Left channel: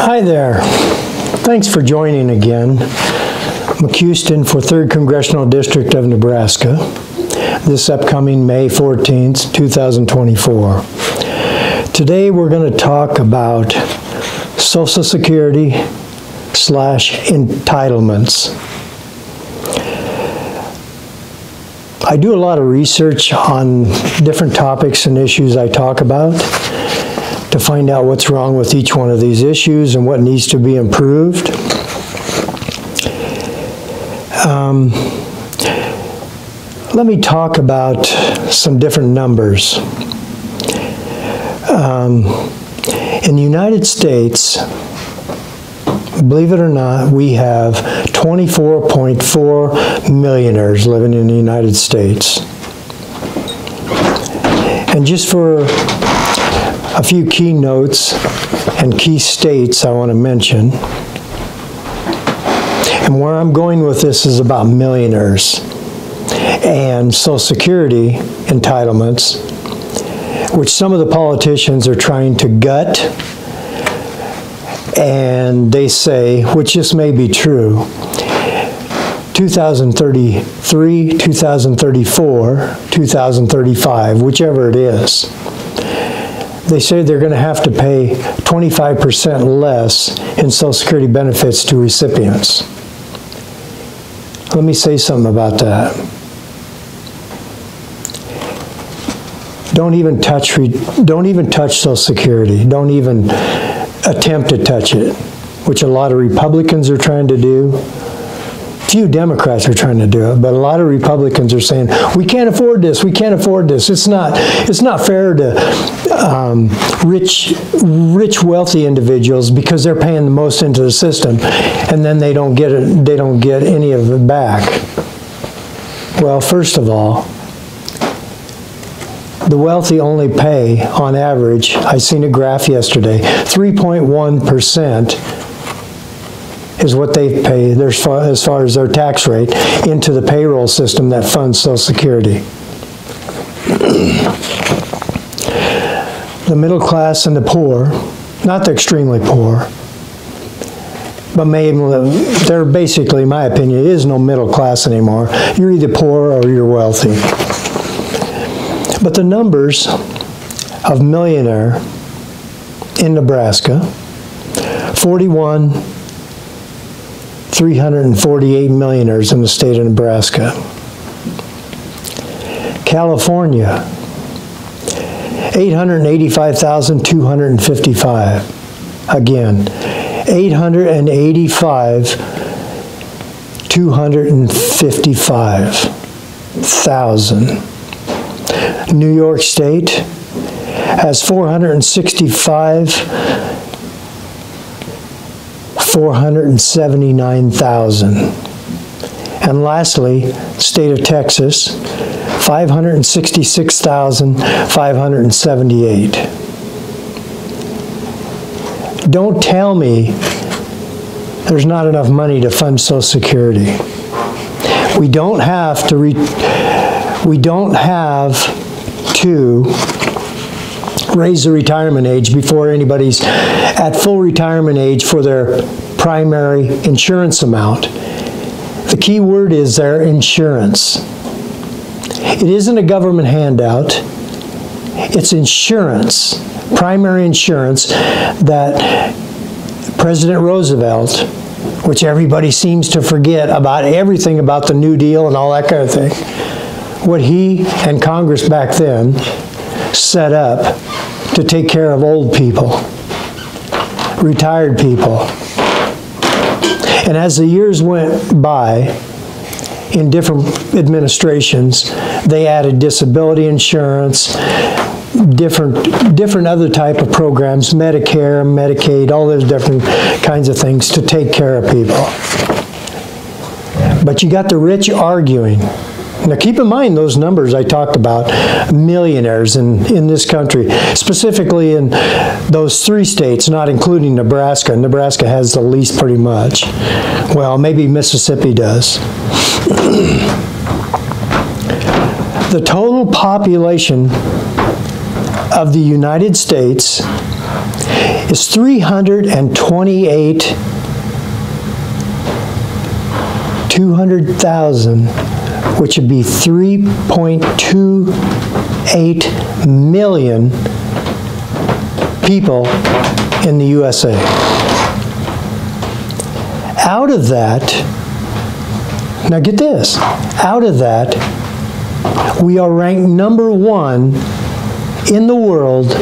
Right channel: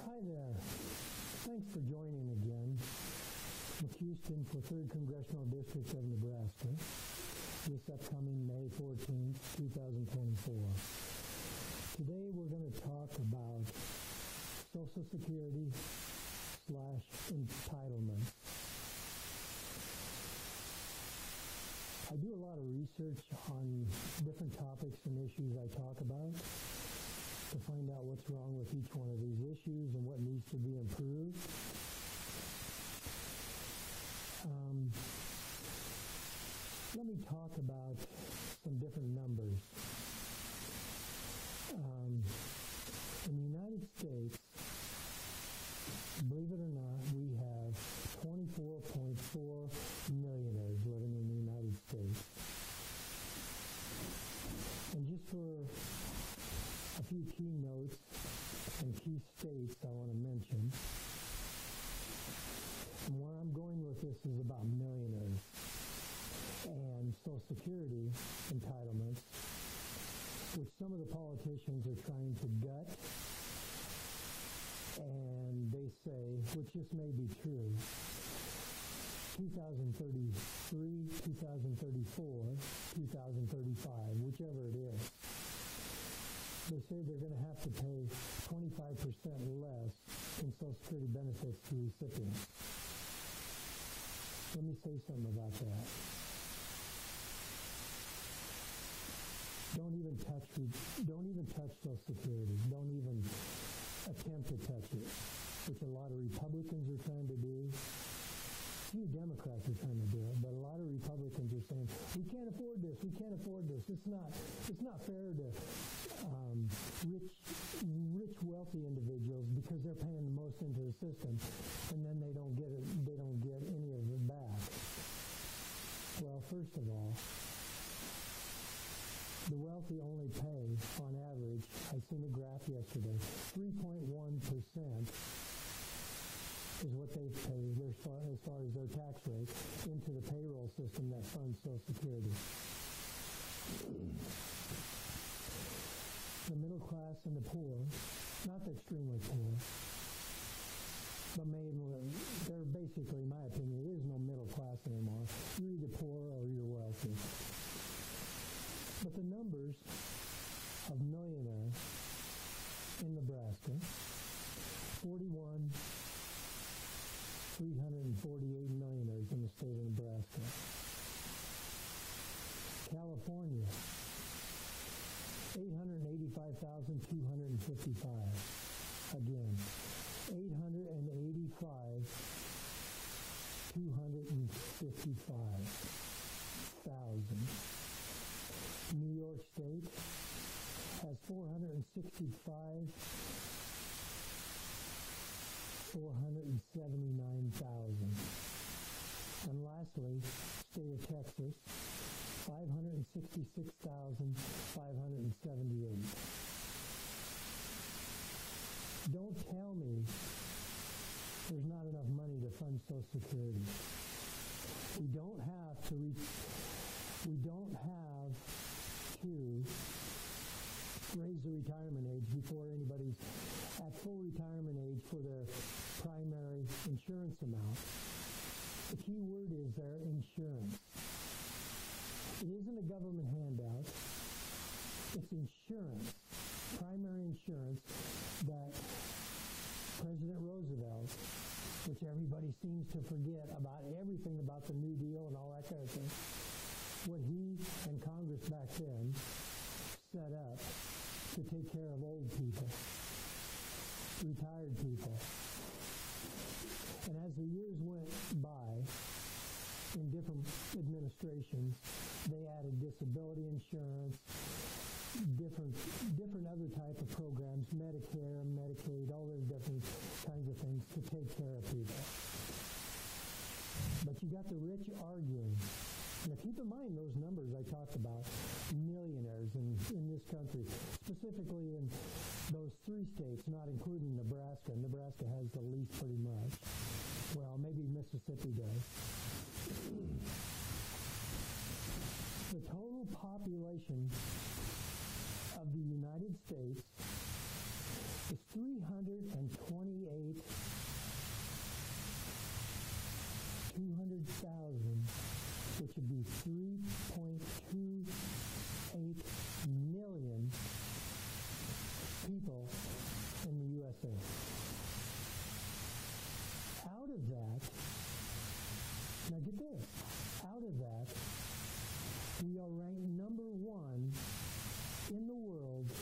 Hi there. Thanks for joining again. McHouston for 3rd Congressional District of Nebraska, this upcoming May 14th, 2024. Today we're going to talk about Social Security / entitlements. I do a lot of research on different topics and issues I talk about to find out what's wrong with each one of these issues and what needs to be improved. Let me talk about some different numbers. In the United States, believe it or not, we have 24.4 millionaires living in the United States. And just for a few key notes and key states I want to mention, and where I'm going with this is about millionaires and Social Security entitlements, which some of the politicians are trying to gut, and they say, which just may be true, 2033, 2034, 2035, whichever it is. They say they're going to have to pay 25% less in Social Security benefits to recipients. Let me say something about that. Don't even touch Social Security. Don't even attempt to touch it, which a lot of Republicans are trying to do. Few Democrats are trying to do it, but a lot of Republicans are saying, we can't afford this, we can't afford this. It's not fair to rich, wealthy individuals because they're paying the most into the system, and then they don't get it, they don't get any of it back. Well, first of all, the wealthy only pay, on average, I seen a graph yesterday, 3.1% is what they pay as far as their tax rate into the payroll system that funds Social Security. The middle class and the poor, not the extremely poor, but they're basically, in my opinion, there is no middle class anymore. You're either poor or you're wealthy. But the numbers of millionaire in Nebraska, 348 millionaires in the state of Nebraska. California, 885,255. Again, 255,000. New York State has 479,000. And lastly, state of Texas, 566,578. Don't tell me there's not enough money to fund Social Security. We don't have to raise the retirement age before anybody's at full retirement age for their primary insurance amount. The key word is their insurance. It isn't a government handout. It's insurance, primary insurance that President Roosevelt, which everybody seems to forget about everything about the New Deal and all that kind of thing, what he and Congress back then set up to take care of old people, retired people. And as the years went by, in different administrations, they added disability insurance, different other type of programs, Medicare, Medicaid, all those different kinds of things to take care of people. But you got the rich arguing. Now keep in mind those numbers I talked about, millionaires in this country, specifically in those 3 states, not including Nebraska. Nebraska has the least pretty much. Well, maybe Mississippi does. The total population of the United States is 200,000, which would be 3.28 million people in the USA. Out of that, now get this, out of that, we are ranked number 1 in the world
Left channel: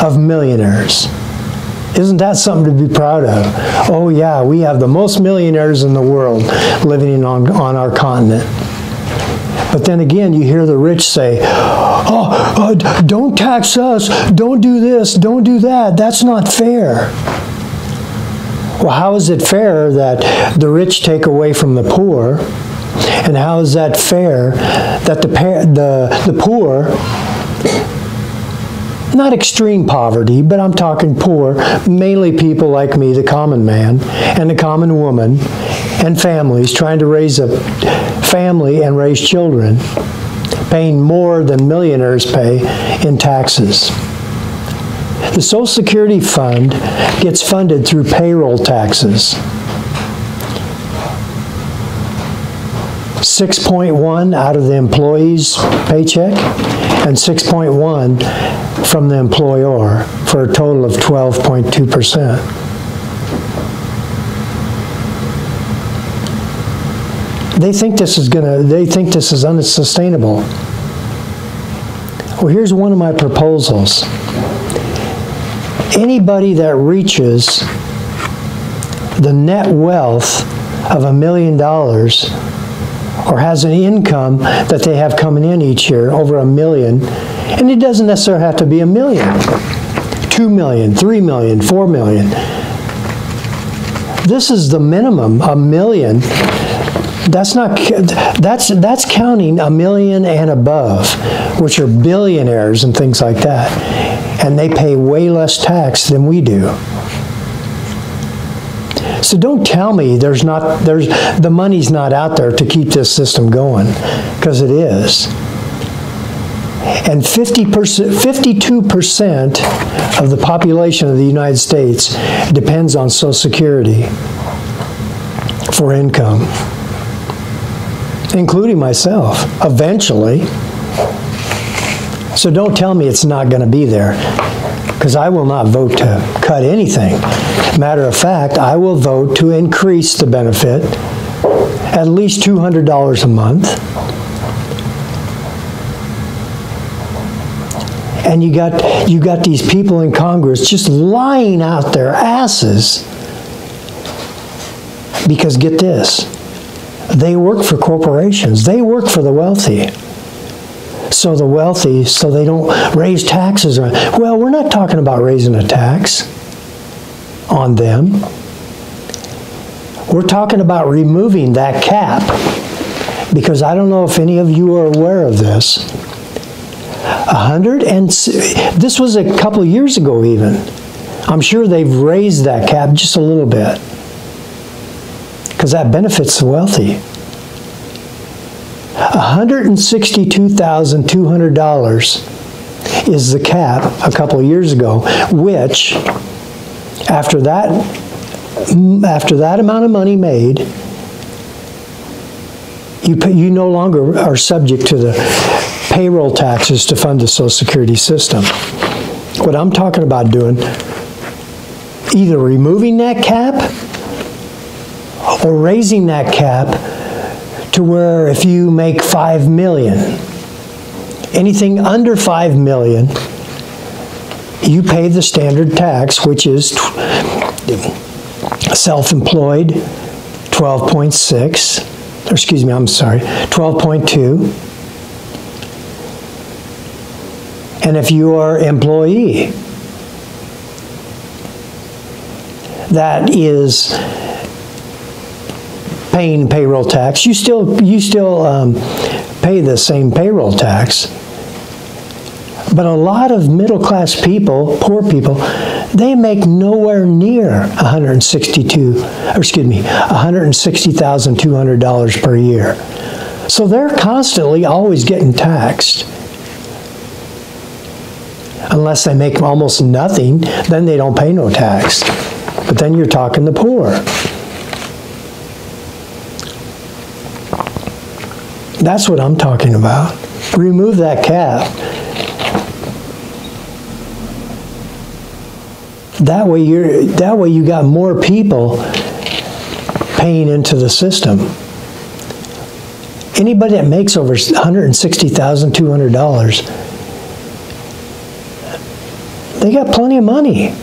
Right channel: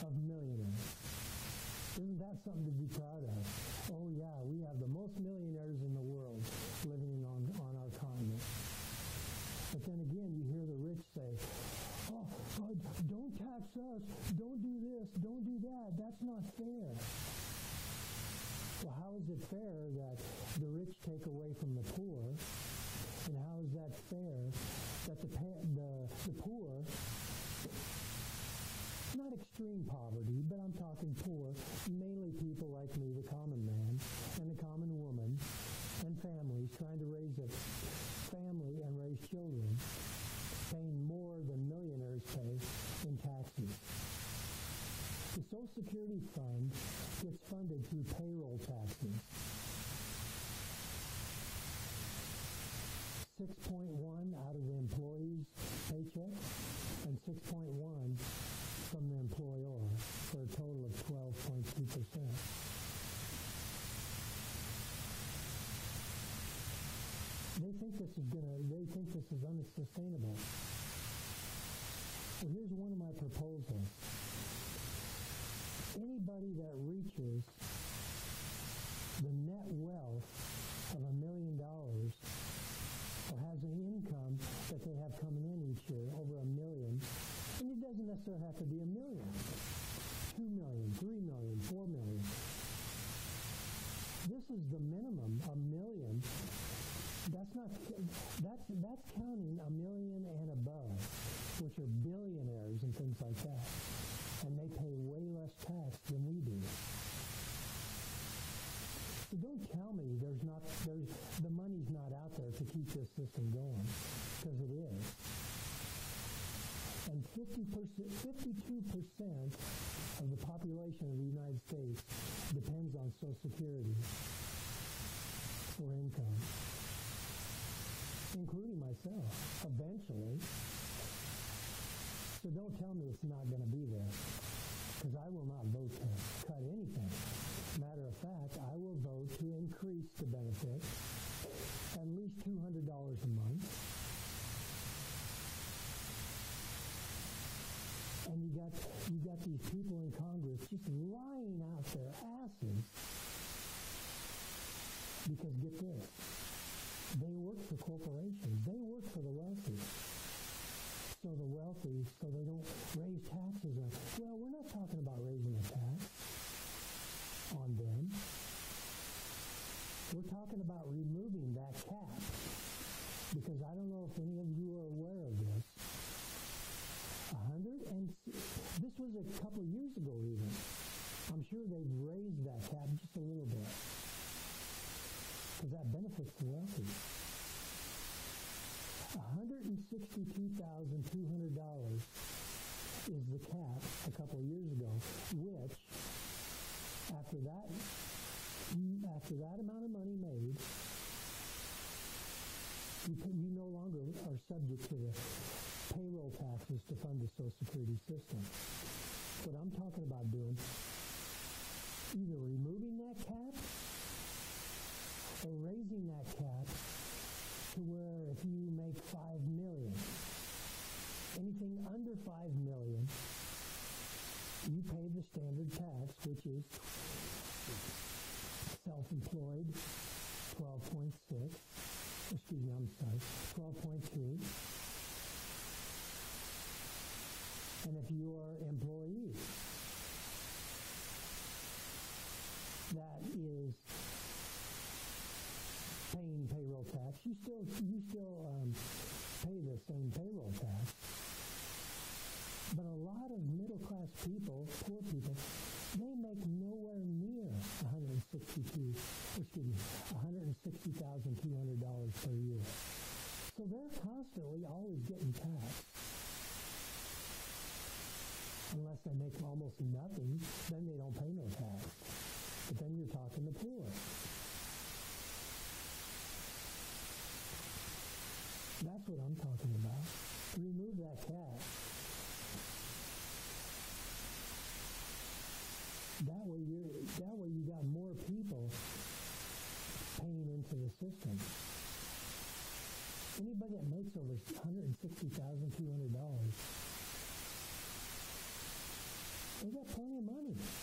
of millionaires. Isn't that something to be proud of? Oh yeah, we have the most millionaires in the world living on our continent. But then again, you hear the rich say, oh, don't tax us, don't do this, don't do that, that's not fair. Well, how is it fair that the rich take away from the poor? And how is that fair that the poor, not extreme poverty, but I'm talking poor, mainly people like me, the common man, and the common woman, and families trying to raise a family and raise children, paying more than millionaires pay in taxes? The Social Security fund gets funded through payroll taxes. 6.1 out of the employee's paycheck and 6.1 from the employer, for a total of 12.2%. They think this is unsustainable. Well, here's one of my proposals. Anybody that reaches the net wealth of $1 million or has an income that they have coming in each year over $1 million, and it doesn't necessarily have to be $1 million, $2 million, $3 million, $4 million. This is the minimum, $1 million. That's counting $1 million and above, which are billionaires and things like that. And they pay way less tax than we do. So don't tell me the money's not out there to keep this system going, because it is. And 52% of the population of the United States depends on Social Security for income, including myself, eventually. So don't tell me it's not going to be there, because I will not vote to cut anything. Matter of fact, I will vote to increase the benefit at least $200 a month. And you got these people in Congress just lying out their asses, because get this, they work for corporations. They work for the wealthy. So the wealthy, so they don't raise taxes. Well, we're not talking about raising a tax on them. We're talking about removing that cap, because I don't know if any of you are aware of this. This was a couple of years ago even. I'm sure they've raised that cap just a little bit, because that benefits the wealthy. $162,200 is the cap a couple of years ago, which after that amount of money made, you no longer are subject to the payroll taxes to fund the Social Security system. What I'm talking about doing, either removing that cap or raising that cap to where if you make $5 million, anything under $5 million, you pay the standard tax, which is self-employed, 12.6, or excuse me, I'm sorry, 12.2. And if you are employee, that is paying payroll tax. You still pay the same payroll tax. But a lot of middle-class people, poor people, they make nowhere near $160,200 per year. So they're constantly always getting taxed. Unless they make almost nothing, then they don't pay no tax. But then you're talking the poor. That's what I'm talking about. Remove that cap. That way you got more people paying into the system. Anybody that makes over $160,200, they got plenty of money.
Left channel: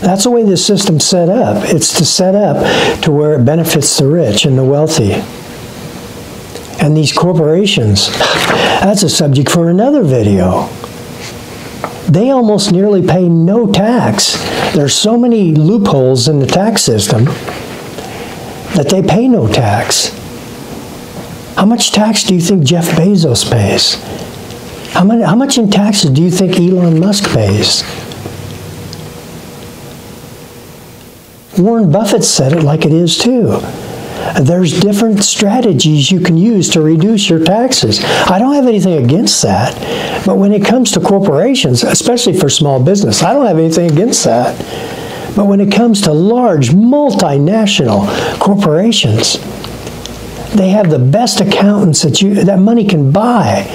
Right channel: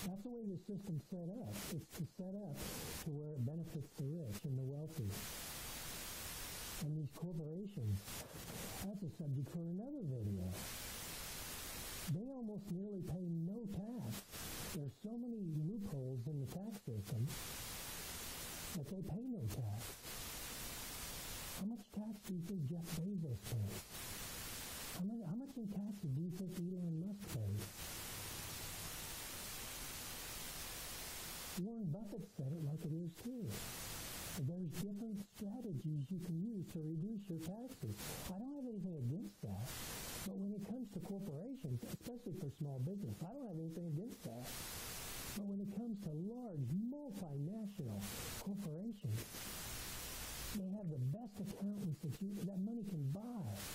That's the way the system's set up. It's to set up to where it benefits the rich and the wealthy. And these corporations, that's a subject for another video. They almost nearly pay no tax. There's so many loopholes in the tax system that they pay no tax. How much tax do you think Jeff Bezos pays? How much in taxes do you think Elon Musk pays? Warren Buffett said it like it is too. There's different strategies you can use to reduce your taxes. I don't have anything against that. But when it comes to corporations, especially for small business, I don't have anything against that. But when it comes to large multinational corporations, they have the best accountants that money can buy.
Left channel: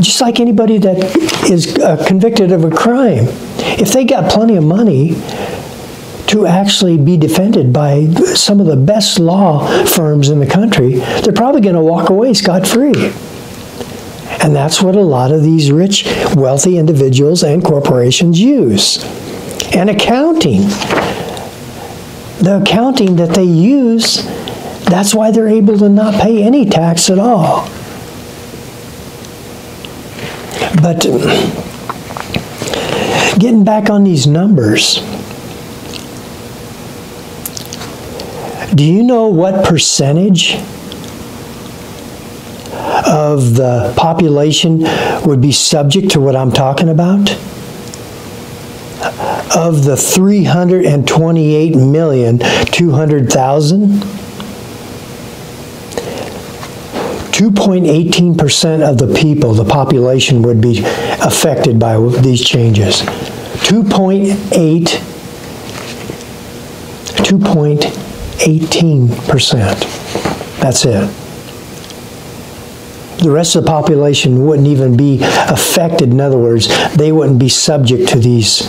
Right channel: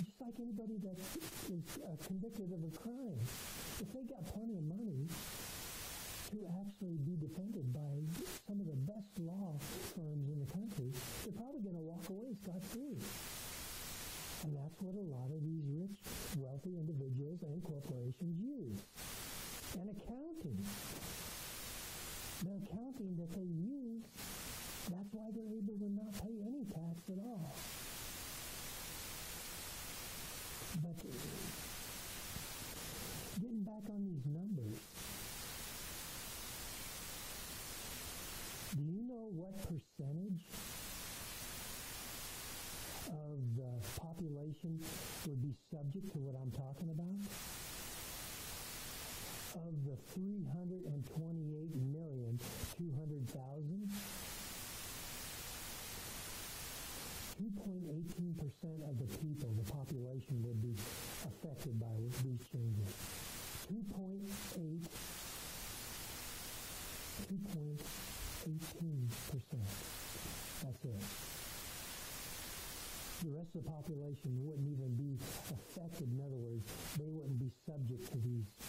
Just like anybody that is convicted of a crime. If they got plenty of money to actually be defended by some of the best law firms in the country, they're probably going to walk away scot-free. And that's what a lot of these rich, wealthy individuals and corporations use. And accounting. The accounting that they use, that's why they're able to not pay any tax at all. But getting back on these numbers, do you know what percentage of the population would be subject to what I'm talking about? Of the 328,200,000, 2.18% of the people, the population, would be affected by these changes. 2.18%. That's it. The rest of the population wouldn't even be affected. In other words, they wouldn't be subject to these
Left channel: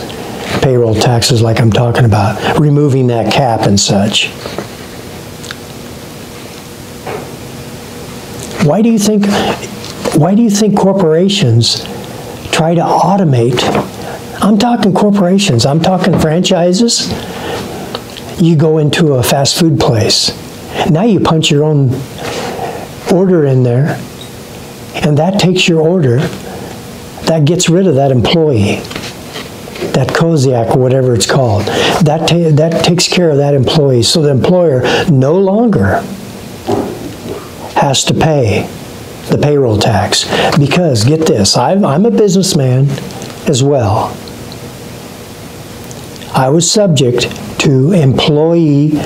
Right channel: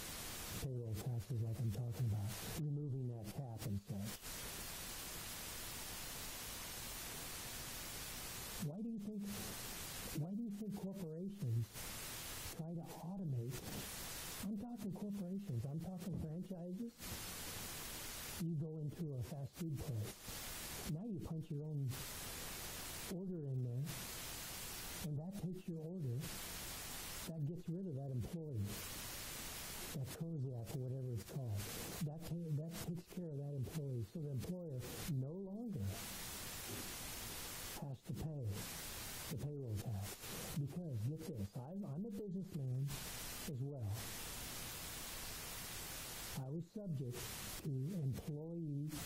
payroll taxes like I'm talking about, removing that cap and such. Why do you think corporations try to automate? I'm talking corporations, I'm talking franchises. You go into a fast food place. Now you punch your own order in there, and that takes your order. That gets rid of that employee, that Koziak or whatever it's called. That takes care of that employee. So the employer no longer has to pay the payroll tax. Because, get this, I'm a businessman as well. I was subject to employee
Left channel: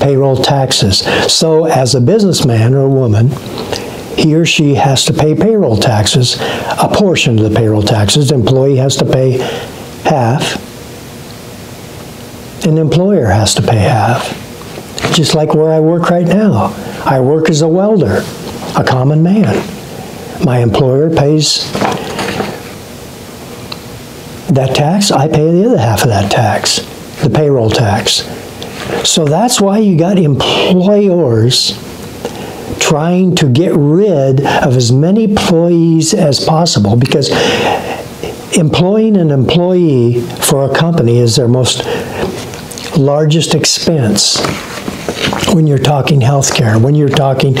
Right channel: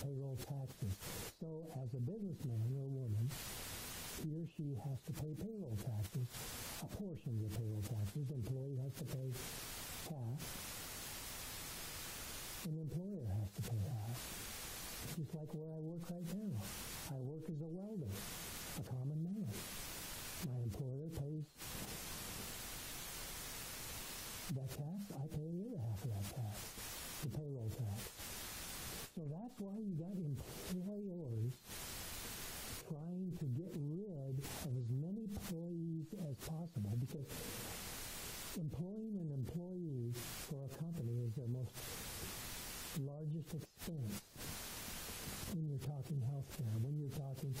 payroll taxes. So as a businessman or woman, he or she has to pay payroll taxes, a portion of the payroll taxes. The employee has to pay half, and the employer has to pay half. Just like where I work right now. I work as a welder, a common man. My employer pays that tax, I pay the other half of that tax, the payroll tax. So that's why you got employers trying to get rid of as many employees as possible, because employing an employee for a company is their most largest expense. When you're talking health care, when you're talking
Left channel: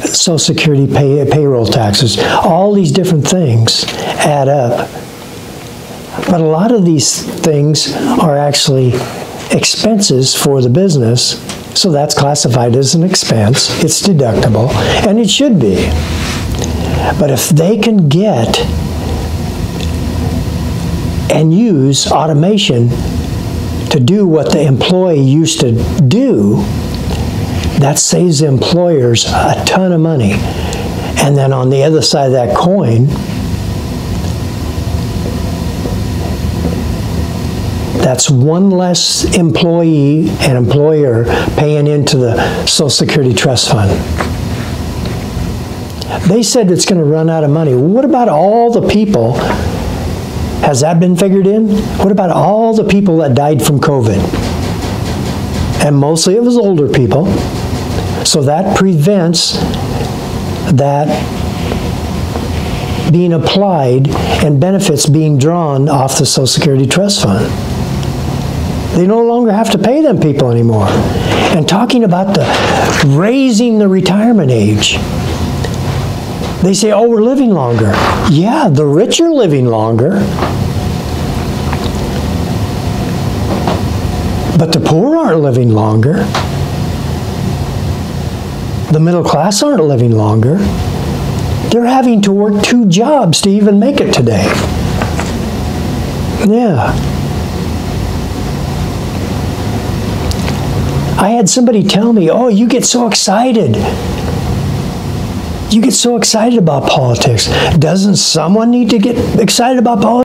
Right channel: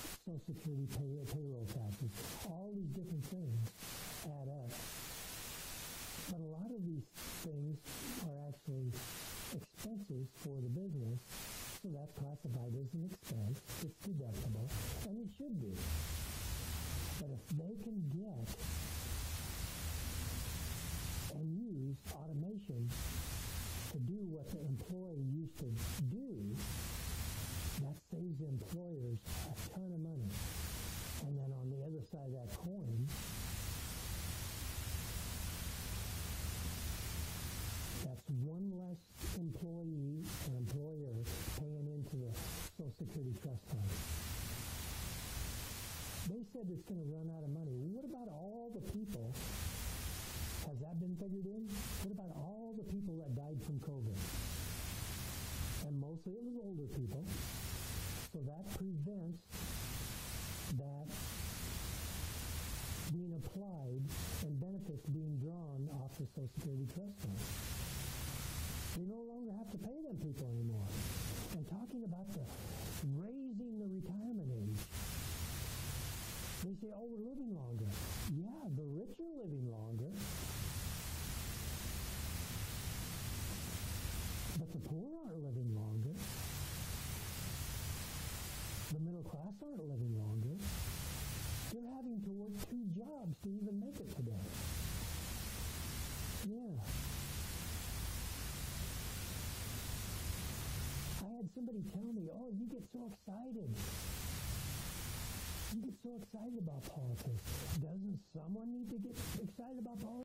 Social Security payroll taxes, all these different things add up. But a lot of these things are actually expenses for the business, so that's classified as an expense. It's deductible, and it should be. But if they can get and use automation to do what the employee used to do, that saves the employers a ton of money. And then on the other side of that coin, That's one less employee and employer paying into the Social Security Trust Fund. They said it's going to run out of money. What about all the people? Has that been figured in? What about all the people that died from COVID? And mostly it was older people. So that prevents that being applied and benefits being drawn off the Social Security Trust Fund. They no longer have to pay them people anymore. And talking about raising the retirement age. They say, oh, we're living longer. Yeah, the rich are living longer. But the poor aren't living longer. The middle class aren't living longer. They're having to work 2 jobs to even make it today. Yeah. I had somebody tell me, oh, you get so excited. You get so excited about politics. Doesn't someone need to get excited about politics?